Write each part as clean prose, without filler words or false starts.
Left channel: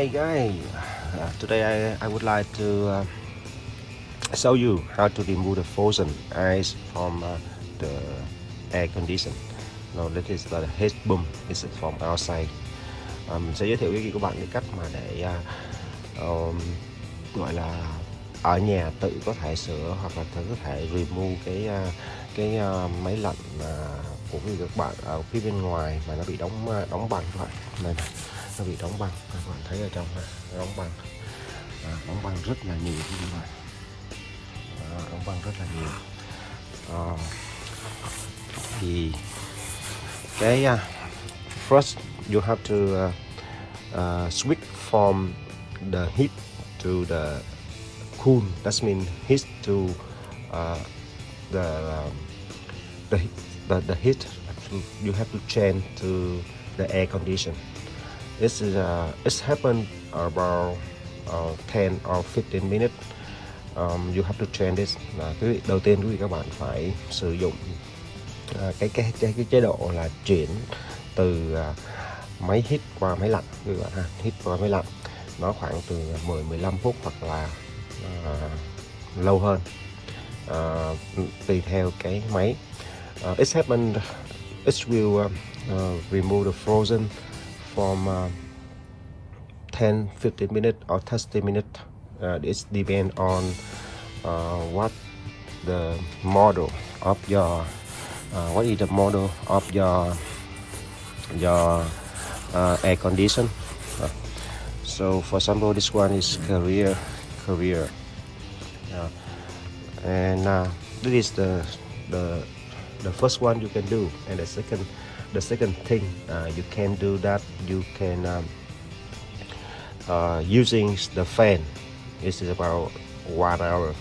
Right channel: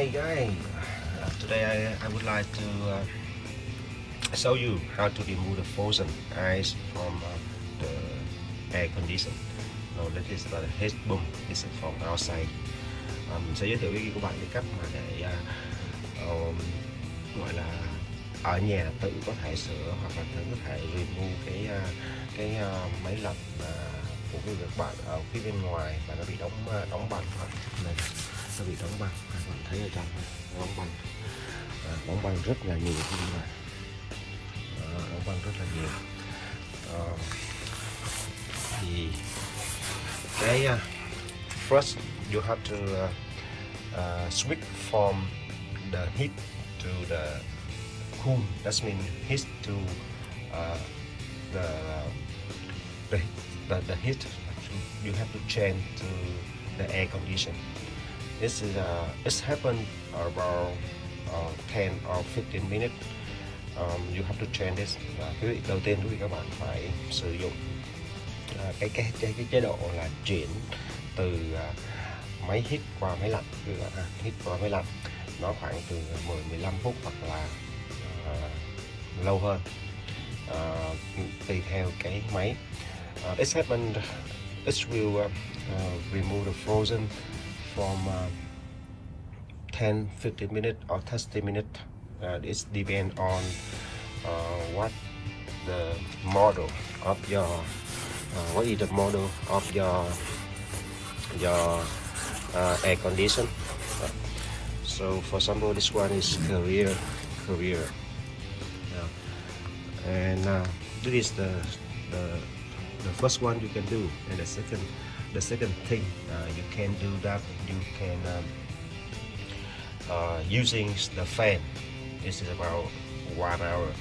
Hi guys, today I would like to show you how to remove the frozen ice from the air condition. Now this is the heat pump, it's from outside. Mình sẽ giới thiệu với các bạn cái cách mà để gọi là ở nhà tự có thể sửa hoặc là tự có thể remove cái máy lạnh của các bạn ở phía bên ngoài mà nó bị đóng băng các bạn. Này, nó bị đóng băng, các bạn thấy ở trong này, đóng băng rất là nhiều các bạn. Đóng băng rất là nhiều. Thì cái first you have to switch from the heat to the cool. That means heat to the heat. You have to change to the air condition. This is it's happened about 10 or 15 minutes. You have to change this. Cái đầu tiên quý vị các bạn phải sử dụng cái chế độ là chuyển từ máy hít qua máy lạnh. Hít qua máy lạnh nó khoảng từ 10-15 phút hoặc là lâu hơn, tùy theo cái máy. It happened. It will remove the frozen from 10-15 minutes or 30 minutes. It depends on what the model of your what is the model of your air condition. So for example, this one is Korea, and this is the first one you can do. And the second thing you can do that, you can using the fan. This is about 1 hour.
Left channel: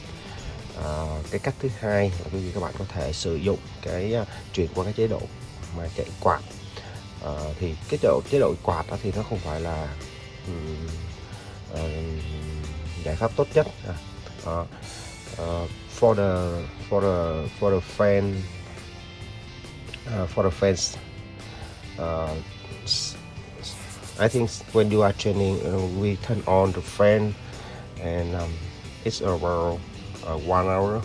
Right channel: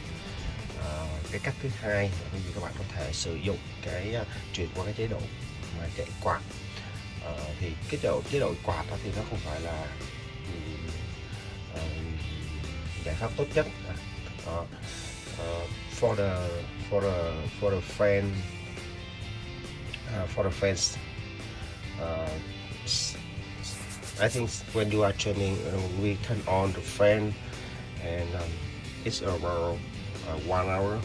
Cái cách thứ hai là các bạn có thể sử dụng cái chuyển qua cái chế độ mà chạy quạt. Thì cái chế độ quạt đó thì nó không phải là giải pháp tốt nhất. For the fan I think when you are changing, we turn on the fan, and it's around 1 hour.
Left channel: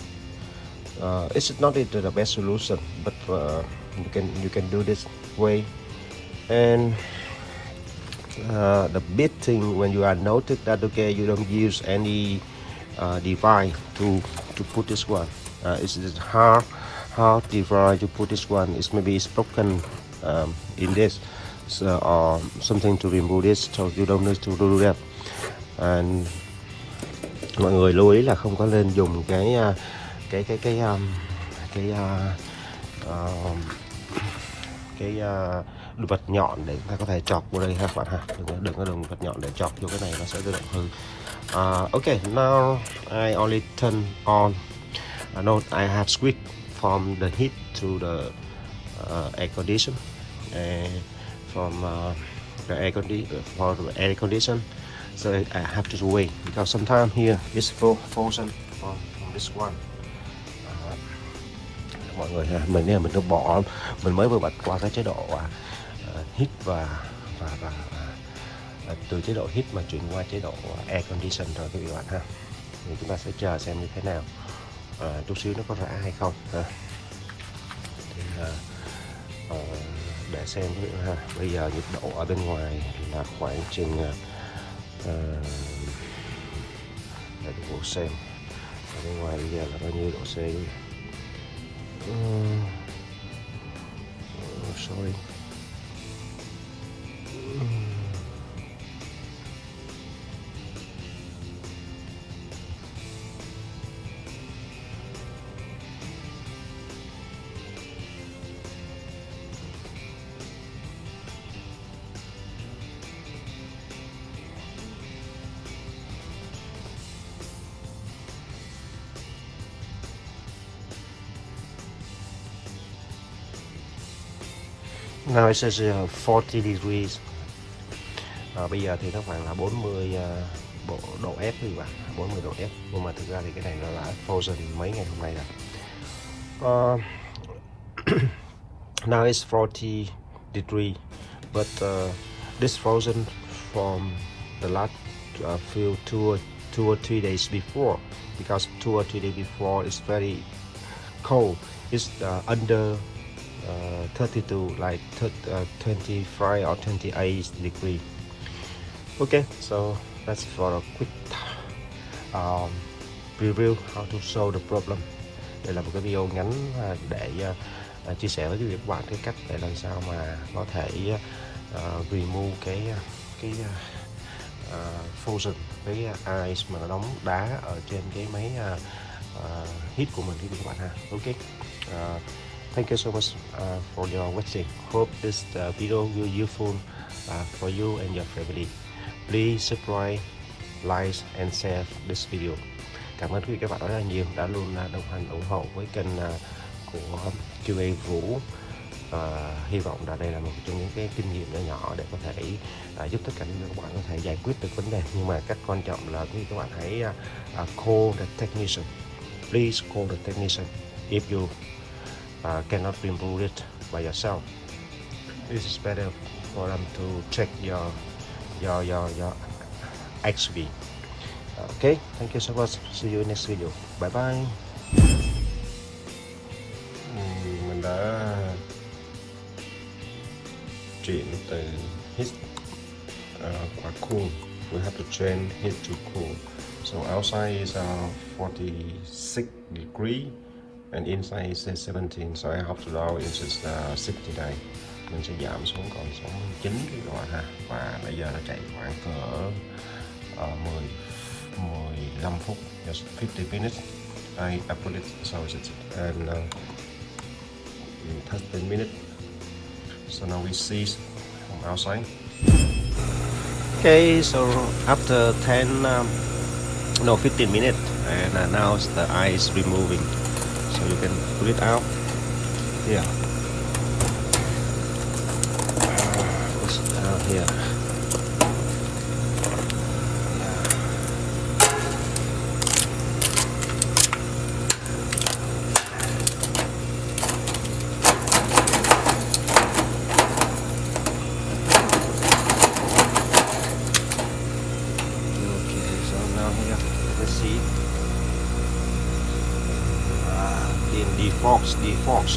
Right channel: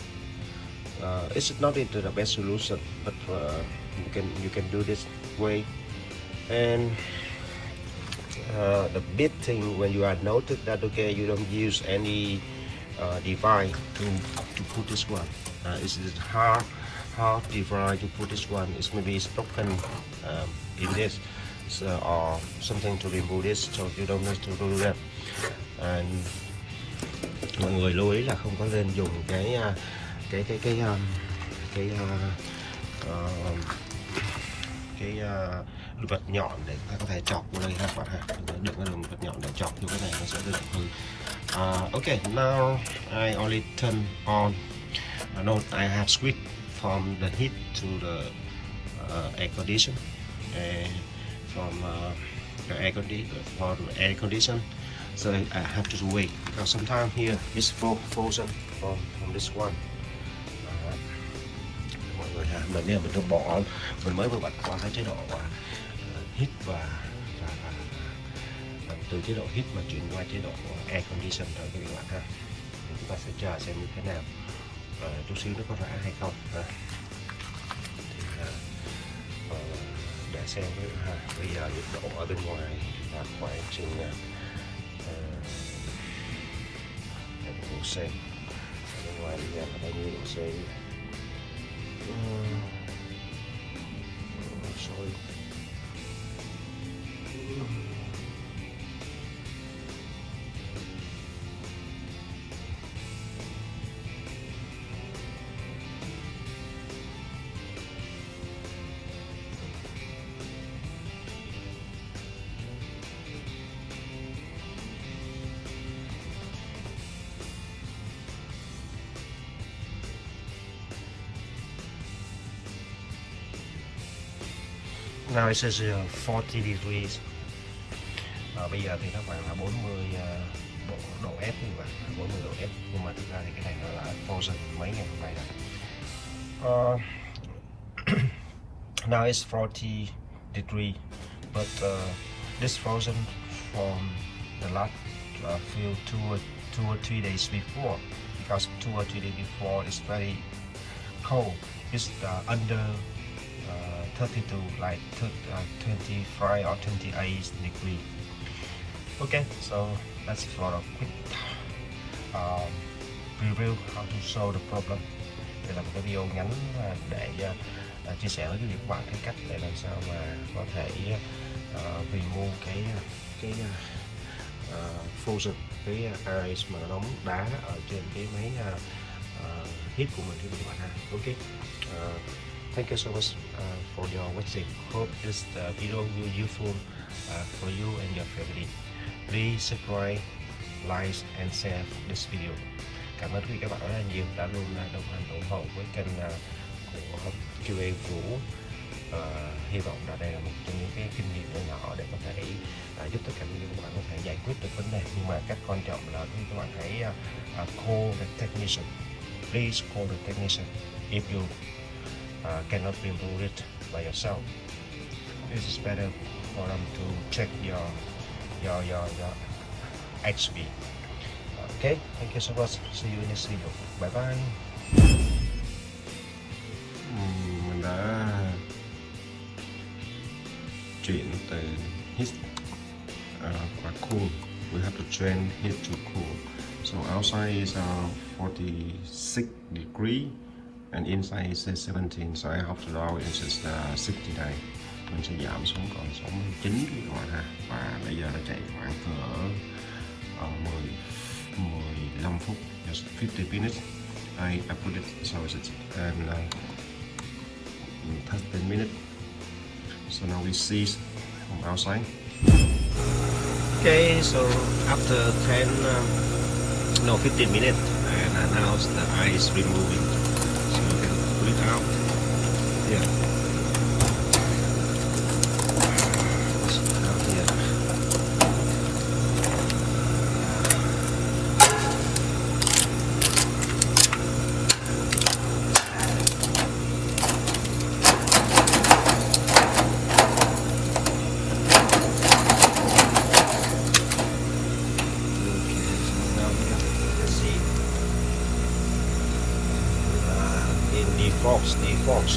It's not the best solution, but you can do this way. And the big thing when you are noted that okay, you don't use any device to put this one. It's hard device to put this one. It's broken in this. So, or something to remove this, so you don't need to do that. And mọi người lưu ý là không có nên dùng cái vật nhọn để ta có thể chọc vào đây các bạn ha. Đừng có dùng vật nhọn để chọc vô cái này, nó sẽ tự động hư. Okay, now I only turn on. No, I have switched from the heat to the air condition, and from the air condition. So I have to wait because sometimes here it's frozen from this one. Mọi người mình mới vừa bật qua cái chế độ hít và từ chế độ hít mà chuyển qua chế độ air condition rồi quý bạn ha. Thì chúng ta sẽ chờ xem như thế nào, chút xíu nó có rã hay không để xem. Bây giờ nhiệt độ ở bên ngoài là khoảng chừng để độ C. Bên ngoài bây giờ là bao nhiêu độ C? Now it says 40 degrees. Bây giờ thì nó khoảng là 40 độ F thì bạn, 40 độ F. Nhưng mà thực ra thì cái này là frozen mấy ngày hôm nay rồi. Now it's 40 degrees, but this frozen from the last few 2 or 3 days before, because 2 or 3 days before it's very cold. It's under 32, like 25 or 28 degree. Okay, so that's for a quick review how to solve the problem. Đây là một cái video ngắn để chia sẻ với các bạn cái cách để làm sao mà có thể remove cái frozen, cái ice mà nóng đá ở trên cái máy heat của mình các bạn ha. Okay, thank you so much for your watching. Hope this video will useful for you and your family. Please subscribe, like and share this video. Cảm ơn quý vị các bạn rất là nhiều đã luôn đồng hành ủng hộ với kênh của QA Vũ. Hy vọng là đây là một trong những cái kinh nghiệm nhỏ để có thể giúp tất cả các bạn có thể giải quyết được vấn đề. Nhưng mà cách quan trọng là các bạn hãy call the technician. Please call the technician if you cannot remove it by yourself. This is better for them to check your XP. Okay, thank you so much. See you in next video. Bye bye. Mình đã chuyển từ heat qua cool. We have to change heat to cool. So outside is 46 degree and inside is 17. So I have to lower it is 69. Mình sẽ giảm xuống còn 69 các bạn ha. Và bây giờ nó chạy khoảng cỡ 15 phút, just 50 minutes. I put it so it's and 30 minutes. So now we see from outside. Okay, so after 15 minutes, and now the ice removing. So you can pull it out. Yeah.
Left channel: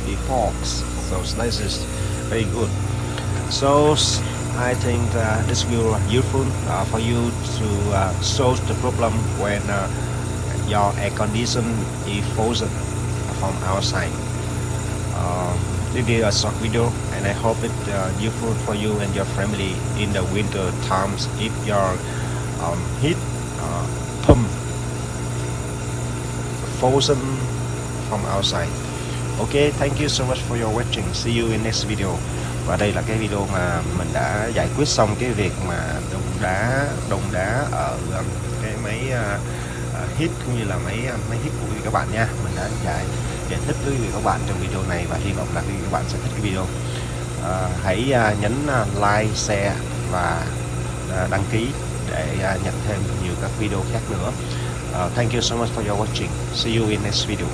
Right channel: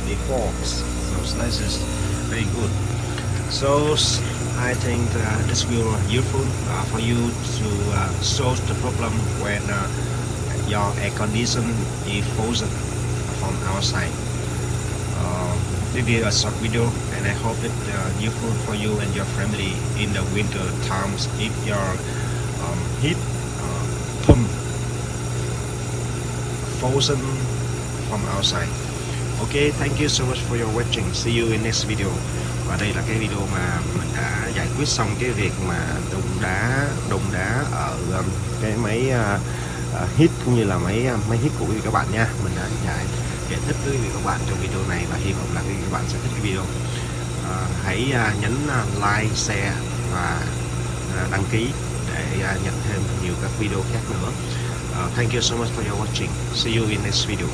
The forks, some slices, very good. So I think this will be useful for you to solve the problem when your air conditioner is frozen from outside. This is a short video, and I hope it's useful for you and your family in the winter times if your heat pump frozen from outside. Okay, thank you so much for your watching. See you in next video. Và đây là cái video mà mình đã giải quyết xong cái việc mà đông đá ở cái máy heat cũng như là máy heat của các bạn nha. Mình đã giải thích với các bạn trong video này và hy vọng là các bạn sẽ thích cái video. Hãy nhấn like, share và đăng ký để nhận thêm nhiều các video khác nữa. Thank you so much for your watching. See you in next video.